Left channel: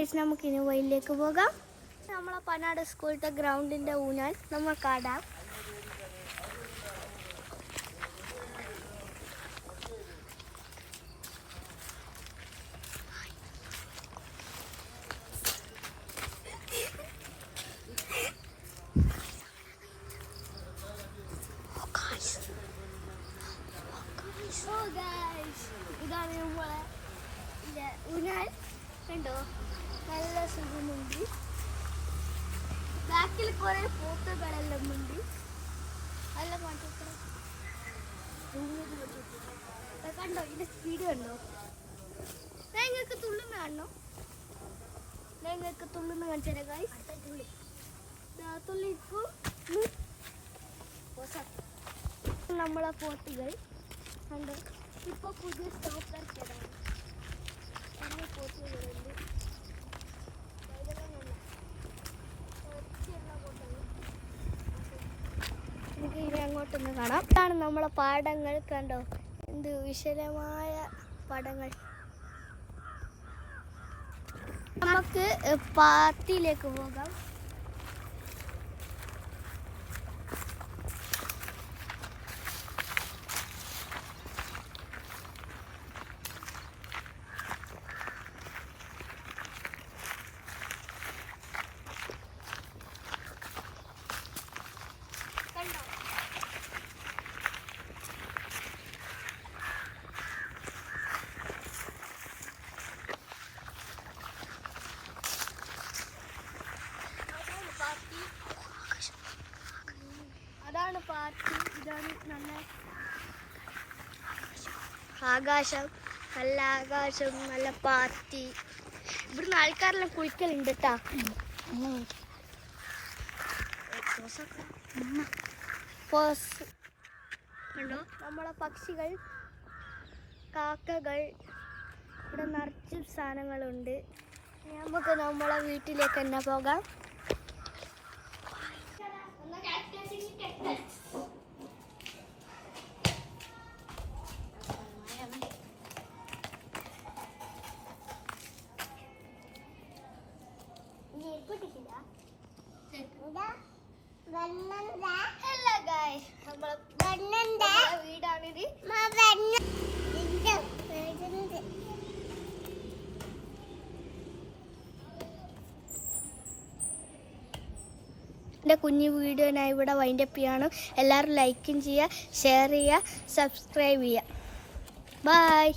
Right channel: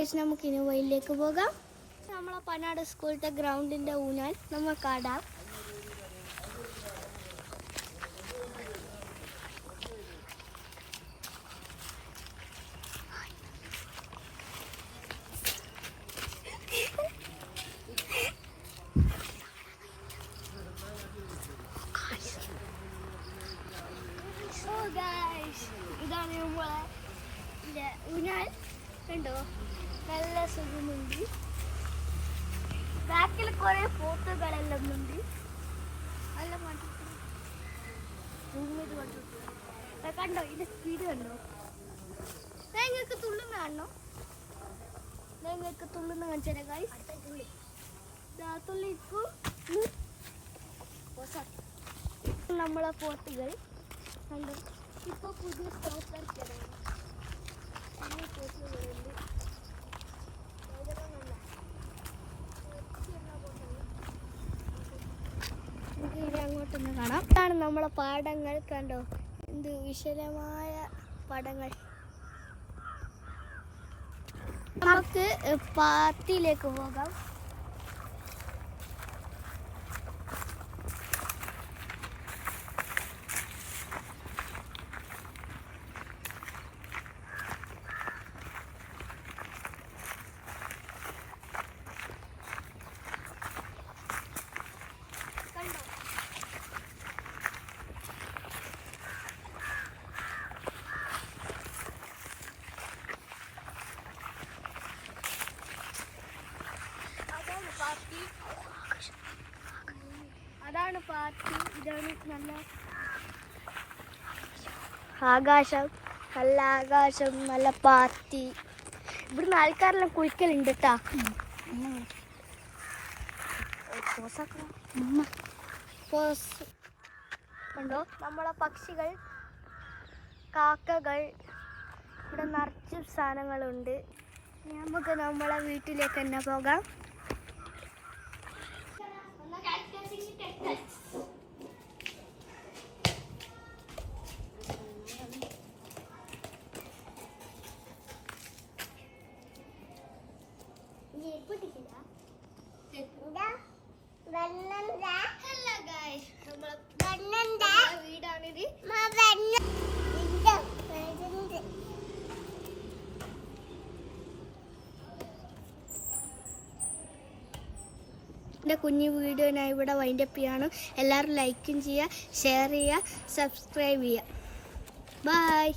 Guys, നമുക്കിനി വഴിയിലേക്ക് പോകാം. നമ്മളെ പനാട് സ്കൂളിലത്തെ ഗ്രൗണ്ടിൻ്റെ ഊഞ്ഞാൽ നമുക്കാടാം. ഇതാണ് നമ്മളെ ഊഞ്ഞാൽ. കണ്ടോ, നല്ല സുഖമുണ്ട്. ബാക്കിൽ കുറെ ഫോട്ടോകളെല്ലാം ഉണ്ട്. നല്ല കണ്ടോ, ഇതിന്റെ സ്പീഡ് കണ്ടോ. നിങ്ങൾക്ക് തുള്ളുന്ന കാണണോ? നിങ്ങൾക്ക് തുള്ളുന്ന കാണിച്ചാൽ ഗൈസ്. തുള്ളിക്കൂ നമ്മളെ പോട്ടുകൾ കണ്ടോ. ഇപ്പൊ പുതിയ സ്റ്റോപ്പ് ഇറക്കിയതാണ്. പുതിയ പോട്ടുകളുണ്ട്. നമുക്ക് ഇനി അങ്ങോട്ടൊന്ന് കാണാം. ഇതാണ് നമ്മളെ പാടങ്ങൾ. കണ്ടോ, എന്ത് വിശാലമായ പാടങ്ങൾ. നമുക്ക് പാർട്ടിയിലേക്ക് പോകാം. അതാണ് പാർട്ടി. ഇതാണ് നല്ല ആകാശം, നല്ല ആകാശം, നല്ല പാർട്ടി. ഇവിടുന്ന് ആൾക്കാരെല്ലാം കുളിക്കലുണ്ട് കേട്ടാ. കണ്ടോ നമ്മളെ പക്ഷികൾ, കാക്കകൾ. ഇവിടെ നിറച്ചും സാധനങ്ങളുണ്ട്. നമുക്ക് നമ്മളെ വീട്ടിലേക്ക് തന്നെ പോകാം. വീടാണിത്. എൻ്റെ കുഞ്ഞു വീഡിയോ ഞാൻ ഇവിടെ വൈൻഡപ്പ് ചെയ്യാണ്. എല്ലാവരും ലൈക്കും ചെയ്യുക, ഷെയർ ചെയ്യുക, സബ്സ്ക്രൈബ് ചെയ്യുക. ബൈ.